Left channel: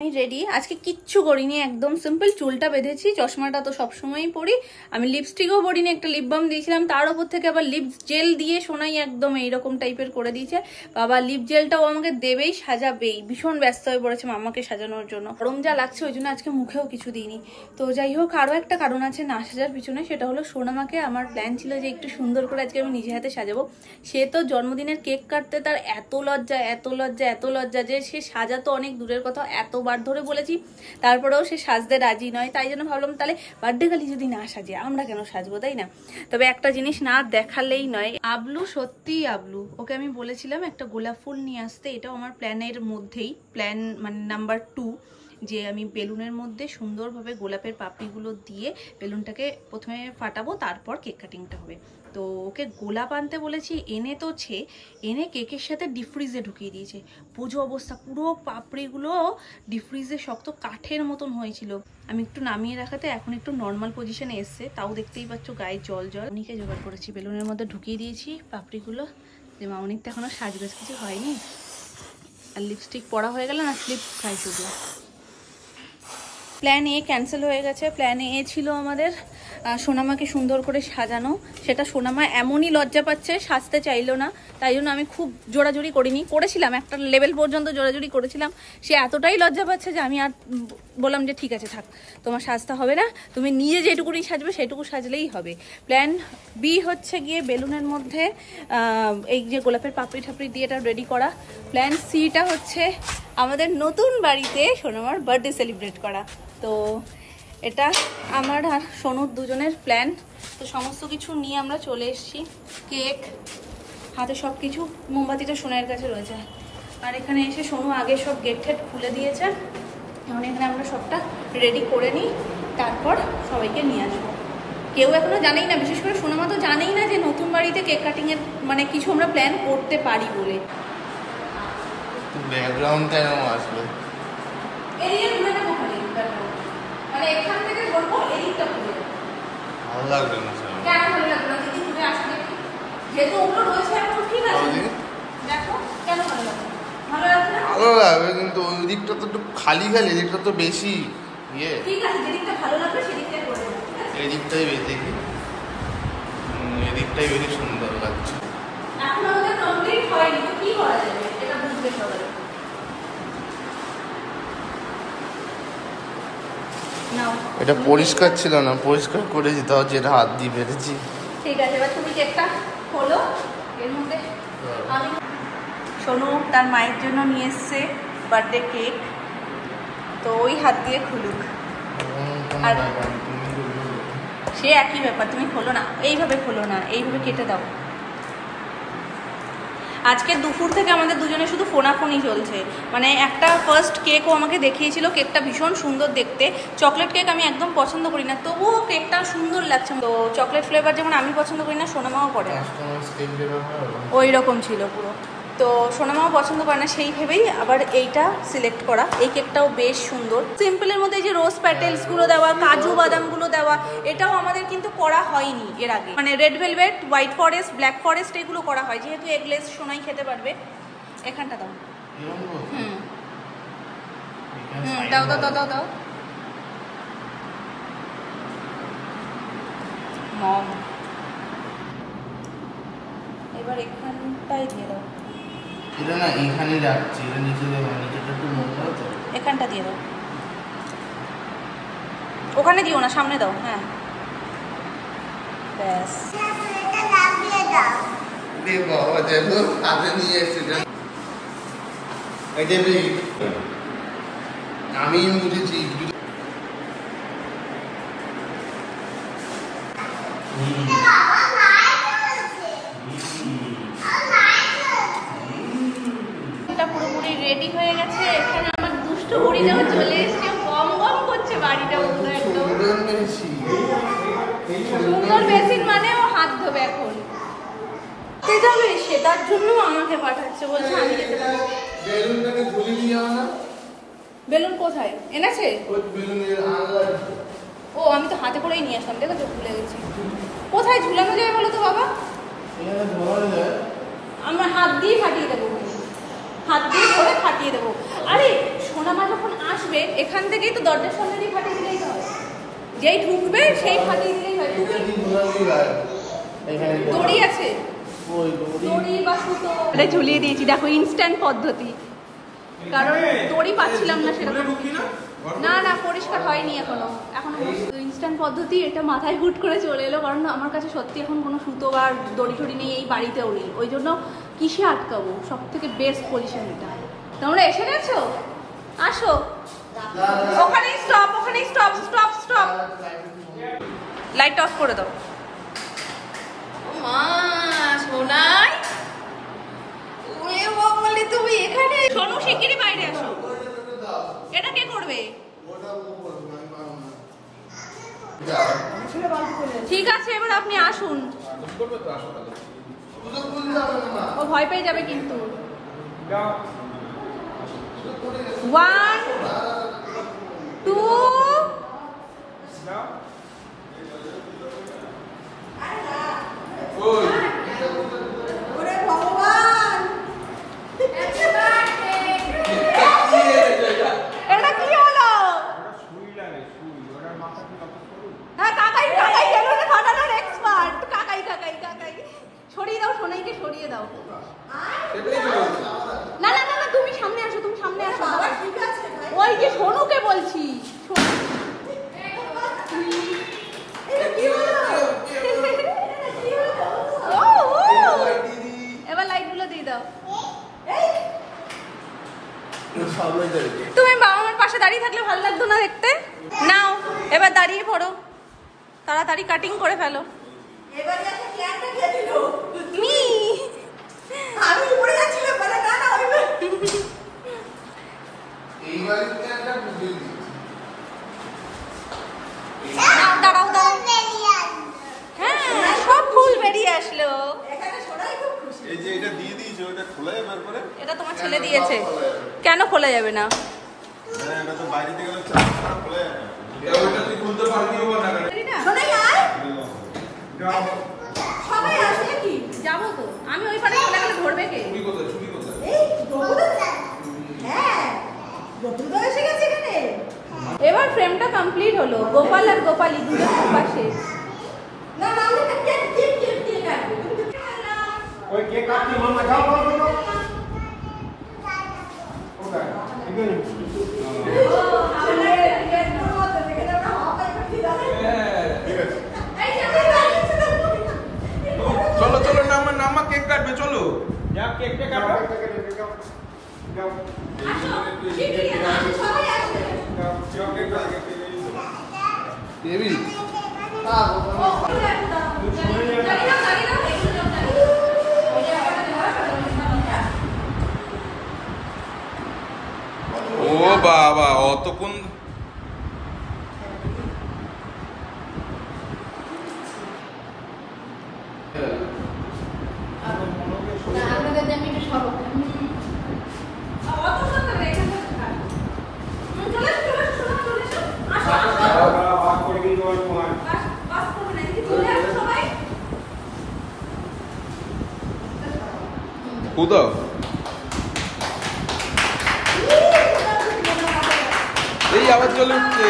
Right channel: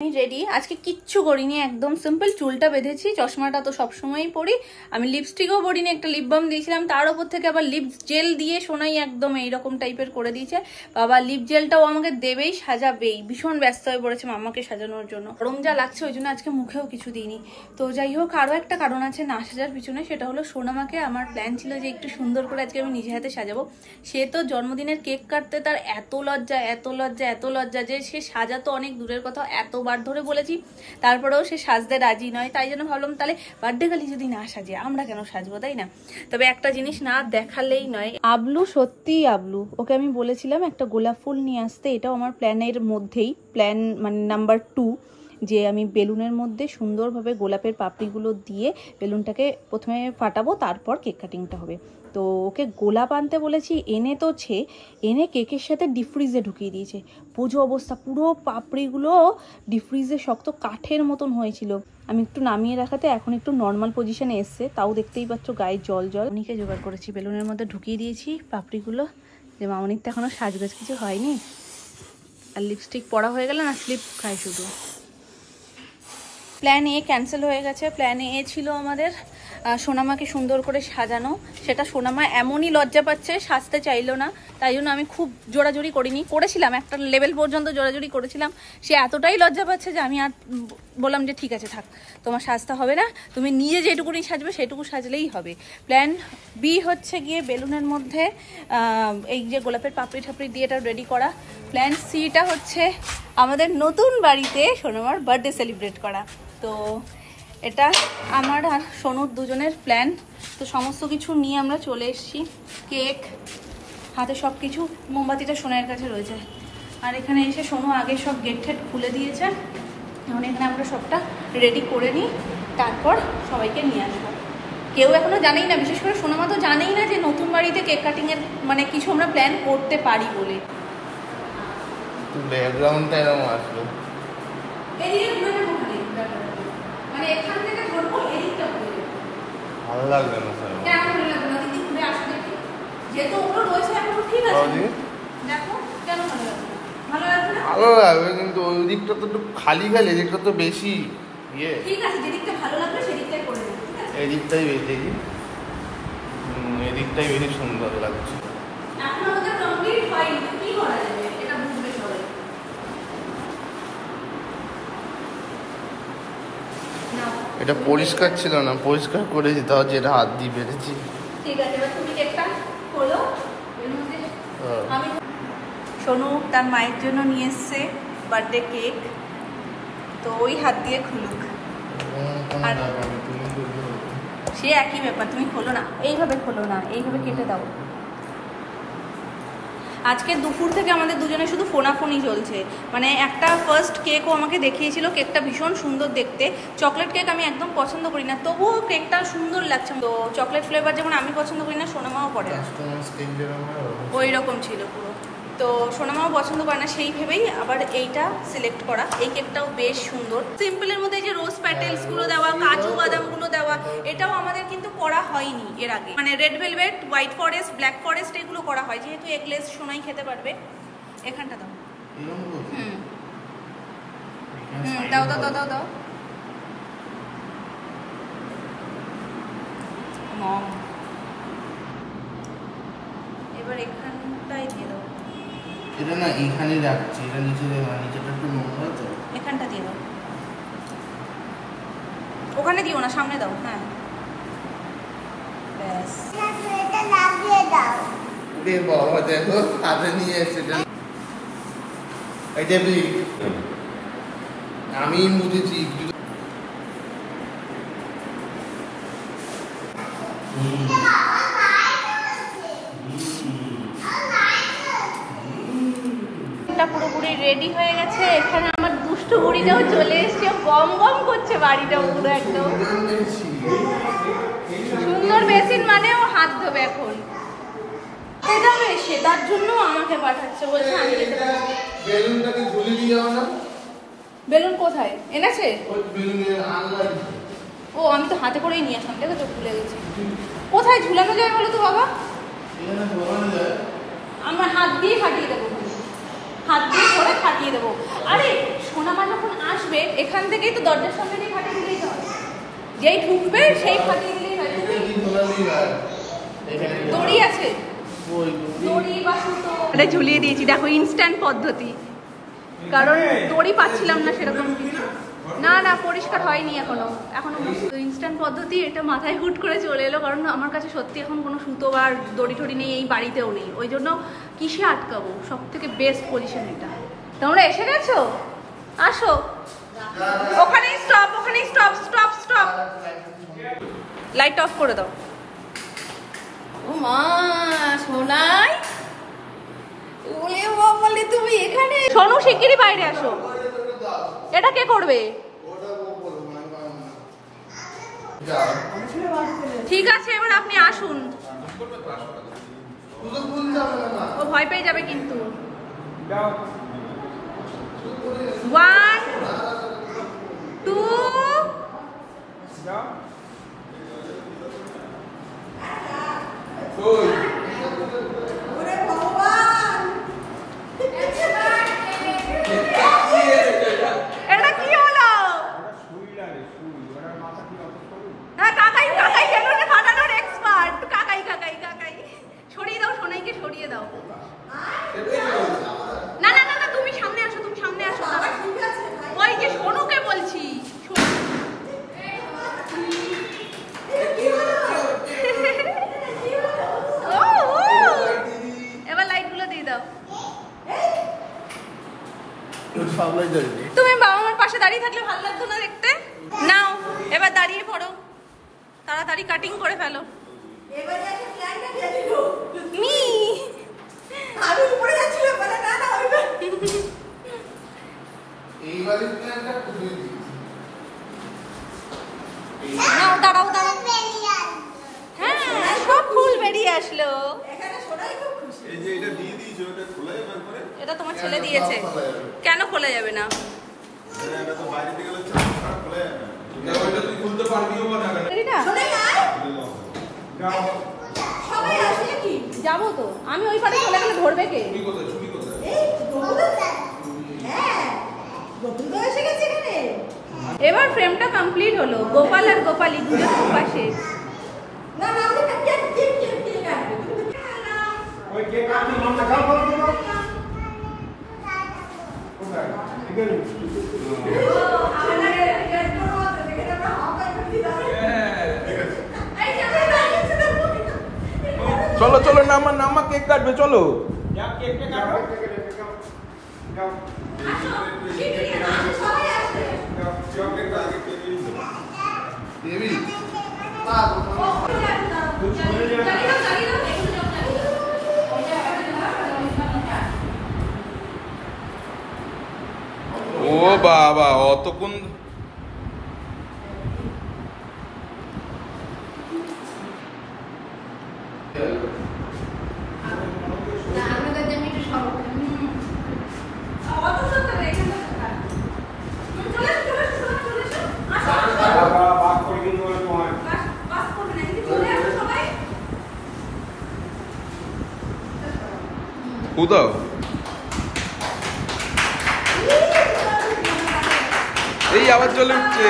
আমি রেডি। আজকে কিচ্ছু করিনি, একদম সিম্পল। চুলটা বেঁধেছি, চশমাটা তো সবসময়ই পরি। আমি লিপস্টিকও পরিনি, একটা লিপ বাম দিয়েছিলাম, তার উপর থেকে আবার লিপ জেল দিয়ে সোনাই একদম এইরকম টাইপের করে দিয়েছে। বাবা লিপ জেলটাও আমাকে দেবেই, সাজাবেই। ভীষণ ব্যস্ত হয়ে পড়েছে মাম্মাকে সাজানোর জন্য। গরম যা লাগছে ওই জন্য আজকে মুখেও কিছু দিইনি। তো যাই হোক, আরো একটা কারণ আছে না সাজার পিছনে, সেটা হলো সোনামাকে আমার প্ল্যান ছিল যে একটু সুন্দর করে আজকে আমি নিজে হাতে সাজাবো। সে তো জন্মদিনের কেক কাটতে তার এত লজ্জা এত লজ্জা এত লজ্জা যে সে সাজাতো অনেক দূরের কথা, এতবার ধরে বলেছি, তারপরেও সে সাজতে রাজি নয়। তাই জন্য ভাবলাম তাহলে বার্থডে গালি যদি না সাজে আমরা কেন সাজবো, তাই না? তবে একটা জিনিস না দেখালেই নয়, আবলু সত্যিই আবলু। ওকে আমি বলেছিলাম একটা গোলাপ ফুল নিয়ে আসতে, এটাও আমার প্ল্যানের মধ্যেই, প্ল্যান মানে নাম্বার 2, যে আমি বেলুনের মধ্যে সুন্দরভাবে গোলাপের পাপড়িগুলো দিয়ে বেলুনটাকে প্রথমে ফাটাবো, তারপর কেক কাটিংটা হবে। তো ওকে গোলাপ আনতে বলেছি, এনে তো এনে কেকের সাথে ডিপ ফ্রিজে ঢুকিয়ে দিয়েছে। পুজো অবস্থা, পুরো পাপড়িগুলো ডিপ ফ্রিজে শক্ত কাঠের মতন হয়েছিল। আমি একটু নামিয়ে রাখাতে এখন একটু নর্মাল পজিশনে এসছে, তাও দেখতেই পাচ্ছ গায়ে জল জল। উনিকে জোগাড় করেছি, বেলুনের মধ্যে ঢুকিয়ে দিয়েছি পাপড়িগুলো, যে মামনির তো এখনো সাজগোজ কিছু হয়নি। আর লিপস্টিক পরা হয়ে গেল না, স্লিপ খাই শুধু। প্ল্যান এ ক্যান্সেল হয়ে গেছে। প্ল্যান এ ছিল আমাদের সোনামাকে সুন্দর করে সাজানো। সেটা সোনামা এমনই লজ্জা পাচ্ছে, সাজতে চাইলো না। তাই জন্য আমি খুব জোরাজোরি করিনি, করেছিলাম একটা লেভেল পর্যন্ত জোরাজোরি করেছিলাম। সে এতটাই লজ্জা পাচ্ছে যে আমি আর বললাম যে ঠিক আছে থাক, তোমার সাজতে হবে না, তুমি নিজে যেটুকুনি সাজবে সেটুকু সাজলেই হবে। প্ল্যান বি হচ্ছে গিয়ে বেলুনের মধ্যে এই যে গোলাপের পাপড়ি ঠাপড়ি দিয়ে এটা রেডি করা। প্ল্যান সিটা হচ্ছে আমাদের নতুন বাড়িতে সোনামার বার্থডে সেলিব্রেট করা। তো এটা আমার আর সোনুর দুজনের প্ল্যান। তো সমস্ত কিছু নিয়ে আমরা চলে এসেছি, কেক হাতে সব কিছু। মোমবাতিটা সোনার কাছে রয়েছে। আর এখানে এসে সোনু আগে সব গেট ঠেট খুলে দিয়েছে। এখন এখানে আমরা সবটা রেডি করে নিই, তারপর সবাইকে নিয়ে আসবো। কেউ এখনো জানেই না, বিশেষ করে সোনামা তো জানেই না যে নতুন বাড়িতে কেক কাটিং এর মানে কিছু আমরা প্ল্যান করতে পারি বলে। ব্যাকগ্রাউন্ডটা এরকম আসবে, মানে এখান থেকে ধরবো, এদিকটা খুলে ভালো লাগবে না স্যার। কেন ভালো লাগবে না? যদি খুলে আসে দেখি, যেহেতু ওগুলো রয়েছে এখন ঠিক আছে। দেখো কেন ভালো লাগবে? ভালো লাগবে না? ভালো লাগবে, কিন্তু ওই দিকটা তো একটু খালি খালি, এদিকটা তো বেশি ইয়ে। ঠিক আছে, যেদিকটা ভালো লাগবে সেদিকটাই করে দেবো। এদিকটাই বেশি দেখি, এদিকটাই বেশি সুন্দর লাগছে। এখন আমাদের কমপ্লিট হয়নি, কি করা যাবে এটা বুঝবে সবাই। এটা পরিষ্কার ছিল না, পরিষ্কার করেছি, তাও যেটা হাত দিয়ে বেড়েছি। ঠিক আছে, এবার তুমি কেকটা খোলো। এর মধ্যে আমি সোনু তার মায়ের জন্য নিয়ে এসছে বার্থডে কেক, তো ওই হাত দিয়ে খুলুক। আর সে একই ব্যাপার, তুমি খোলো না, এইভাবে খোলো না, এইভাবে কেটে দাও। আজকে দুপুর থেকে আমাদের দুজনে শুধু ফোনাফোনি চলছে। মানে একটা ফার্স্ট কেকও আমাকে দেখিয়েছিল, কেকটা ভীষণ সুন্দর দেখতে। চকলেট কেক আমি একদম পছন্দ করি না, তবুও কেকটা সুন্দর লাগছে। তো চকলেট ফ্লেভার যেমন আমি পছন্দ করি না, সোনামাও করে না, ওই রকম ছিল পুরো। তো সোনামাও পছন্দ করে না, সেই ভেবেই আবার এইটা সিলেক্ট করা। এই কেকটাও বেশ সুন্দর, সিম্পলের মধ্যে যে রোজ প্যাটেলস গুলো দেওয়া, কাজু বাদাম গুলো দেওয়া, এটাও আমাদের কিন্তু করা হয়নি এর আগে। মানে red velvet, white forest, black forest এগুলো করা হয়, যেহেতু এগলেস সোনাই খেতে পারবে। এখানটা দাও, দাও দাও দাও দাও দাও। মম, এবার এখানটাই দিয়ে দাও। এটা না এখানে রাখছি, এটা নিচে দেবো, নিচেটা একটু নোংরা তো, এখানটা দিয়ে দাও। ওখানে দিও না, সামনে দাও। হ্যাঁ ব্যাস, এটা লাগিয়ে দাও। দে বাবা, দেখো আগে নিয়ে এসেছি। এই যে আমি বুঝেছি। পুরোপুরি রেডি হয়ে গেছে। এখানে আমার দুষ্টু বুড়িটাও চলে এসছে, গম গম করছে বাড়িটা পুরো একদম। সুন্দর বেসিন মানে ও হাত ধোবে এখন, যাবে সে, তার জন্য আমাকে পাঠাচ্ছে, বলছে আমি যেতে পারি। বেলুনটাকে ঝুলিয়ে দিয়ে যাও না। বেলুন কোথায় এনেছে? ও আমি তো হাতে করেই নিয়ে আসলাম, দেখো চোখ ভুলে গেছি। কোথায় ঝুলানো যায় বলো তো বাবা? আমরা হাত দিয়ে ফাটিয়ে দেবো, হাত দিয়ে ধরে ফাটিয়ে দেবো। আরে সোনামা যখন আসবে এখান থেকেই তো দরজার সামনে দিয়ে ফাটিয়ে দিলেই হয়, যেই ঢুকবে সেই ফাটিয়ে দিলেই হয়। দড়ি আছে, দড়ি বা সুতো এটা ঝুলিয়ে দিয়েছি। দেখো ইনস্ট্যান্ট পদ্ধতি, কারণ দড়ি পাচ্ছিলাম না সেরকম। না না পরিষ্কার হয়নি এখনো ইনস্ট্যান্ট পদ্ধতি। এটা মাথায় হুট করে চলে এলো, কারণ আমার কাছে সত্যি এখন কোনো সুতো বা দড়ি টড়ি নেই, এই বাড়িতেও নেই। ওই জন্য কিসে আটকাবো, সব থেকে বেস্ট পজিশন এটা। তোমরা এসে গেছো, আসো। ওখানেই স্টপ, ওখানেই stop stop stop. Light off করে দাও। সোনু শিগগিরই বাইরে আসো। এটা কে করবে? ঠিক আছে, এবার আপনি আসুন। ও ভয় পেয়ে যাবে কিন্তু। 1 2 এটা কি হলো? হ্যাঁ কাকাই কাকাই বেলুনে ফাটানোর এক্সপার্ট। কাকাই কাকাই কাকাই ছড়িয়ে দাও, সোনাইকে ছড়িয়ে দাও। না না না তুমি সামনে আসো, তুমি সামনে আসো। ওই যে সোনুকে বলছি। এবার লাইট গুলো দিয়ে দাও। তুমি বাবা মার পাশে দাঁড়িয়ে থাকলে ভালো লাগতো না দেখতে? নাও এবার দাঁড়িয়ে পড়ো, তাড়াতাড়ি কাটিং করে ফেলো। নাও দাঁড়াও দাঁড়াও। হ্যাঁ সব ফুল বেরিয়ে আসলো। এটা তোমার ছেলে দিয়েছে, কেন খোলা যাবে না? যাবো তো আমি, ওই পারে খোলা গেলে ধরবে কে? এবার ফ্রেমটা কমপ্লিট হলো। গোপাল আর গোপালী দুজন পাশে। চলো চলো নামা নামা, কেক কাটবে চলো। ও বাবা অতক্ষণ দাও। এই আবার চলে উঠছে।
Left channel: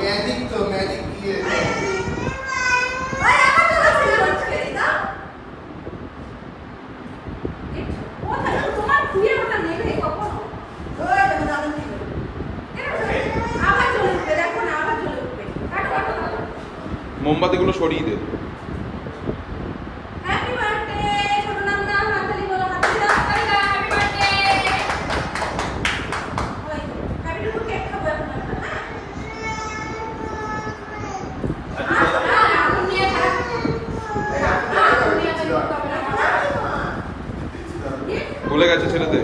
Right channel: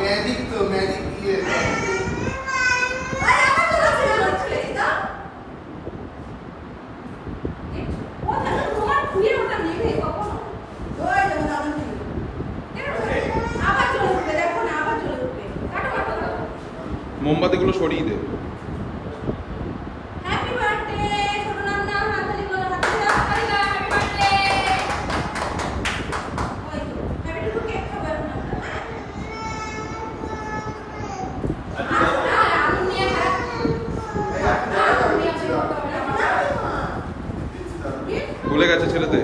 ম্যাজিক তো ম্যাজিক দিয়ে মোমবাতি গুলো সরিয়ে দে। ভুলে গেছে ছেলেতে।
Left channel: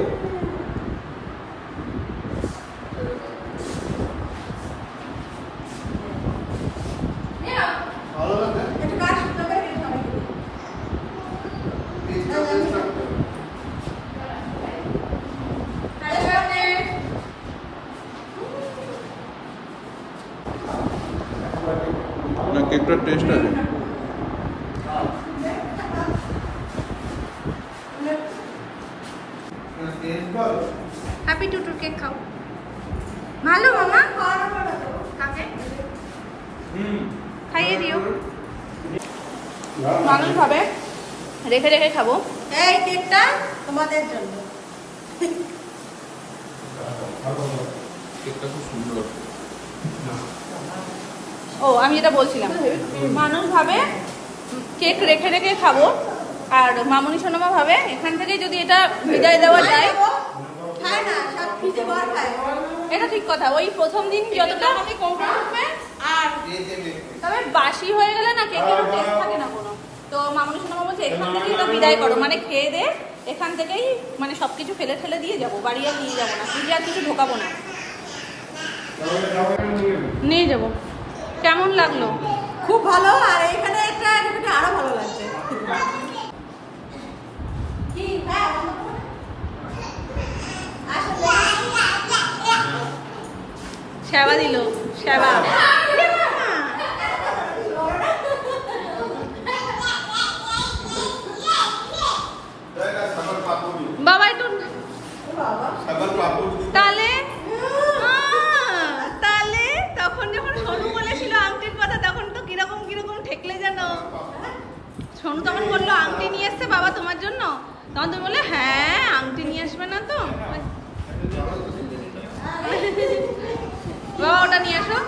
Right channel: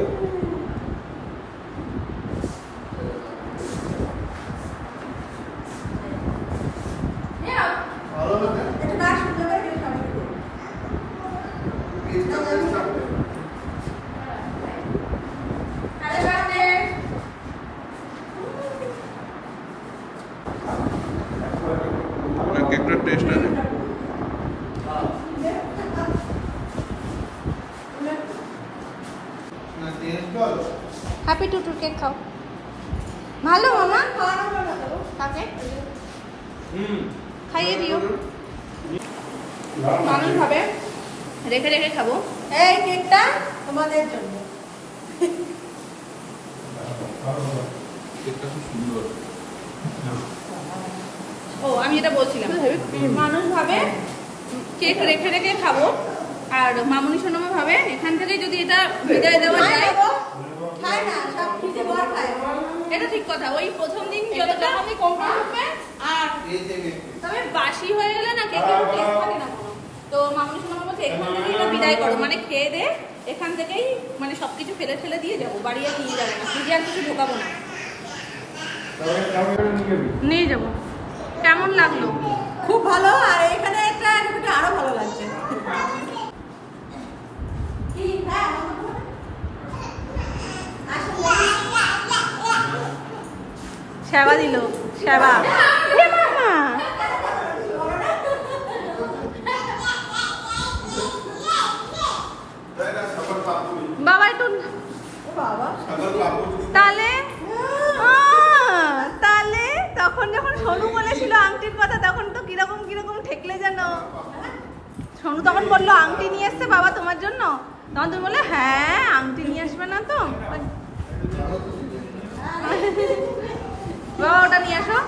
হ্যাপি টুটুর কেক খাও। ভালো মামা, কাকে খাইয়ে দিও। মানুষ ভাবে রেখে রেখে খাবো, এই কেকটা তোমাদের জন্য। কেকটা খুব সুন্দর। ও আমি যেটা বলছিলাম, মানুষ ভাবে কেক রেখে রেখে খাবো, আর মামুনি সোনামা ভাবে এখান থেকে যদি এটা বিদায় দেওয়া যায়। খায় না, সব খিদে বার খায়, এটা ঠিক কথা। ওই প্রথম দিন যতটা কমপ্লিট হবে, আর তবে বাসি হয়ে গেলে না কেকের টেস্ট থাকে না কোনো। তো মামুনি সোনামা বলছে এখান থেকে এটা বিদায় করো, মানে খেয়ে দে এখান থেকেই, মানে সবকিছু ফেলে ফেলে দিয়ে যাবো, বাড়ি আর নিয়ে যাবো না, ফ্রিজে আর কিছু ঢোকাবো না, নিয়ে যাবো। কেমন লাগলো? খুব ভালো। আর এখানে একটা আরো ভালো লাগছে। সেবা দিল, সেবা। বাবা একটু তাহলে তাহলে তখন যখন সোনু বলেছিল আংটির কথা, তখন তো কিরকম কিরকম ঠেকলে যেন। সোনু তখন বললো আংটি নিয়ে এসছে বাবা তোমার জন্য, তখন তুমি বললে হ্যাঁ আংটি নিয়ে আসবে না তো। বাবা ওটা নিয়ে আসো।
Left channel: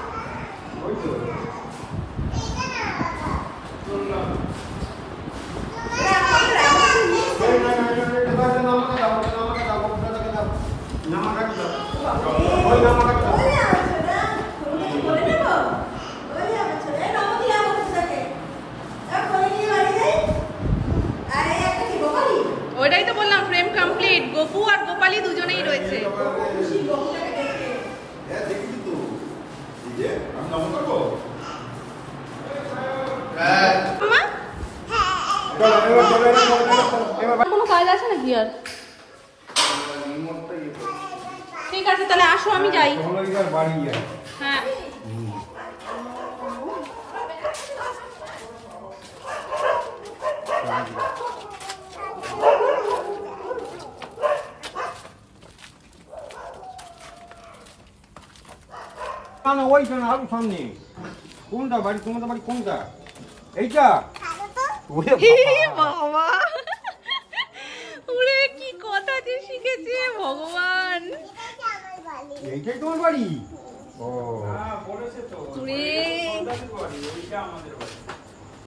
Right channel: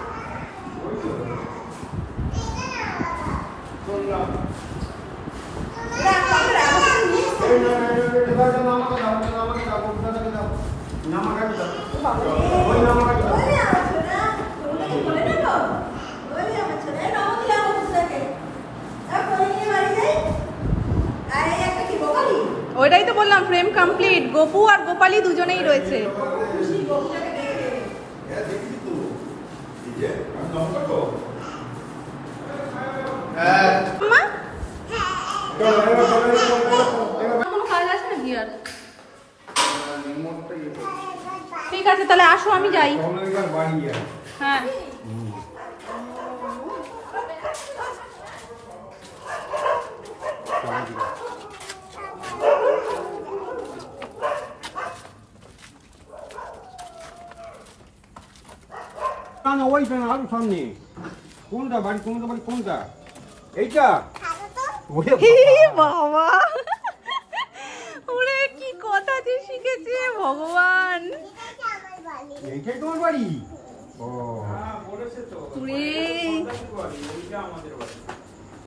ওইটাই তো বললাম, ফ্রেম কমপ্লিট। গোপু আর গোপালী দুজনেই রয়েছে। কোনো কাজ আছে নাকি আর? ঠিক আছে তাহলে আসো, আমি যাই। হ্যাঁ না ওইটা না, আরো সামনে। কোনটা বাড়ি? তোমাদের বাড়ি কোনটা? এইটা? বাবা ওরে কি কথা যে শিখেছে ভগবান। এইটাই তোমার বাড়ি? ও ওরে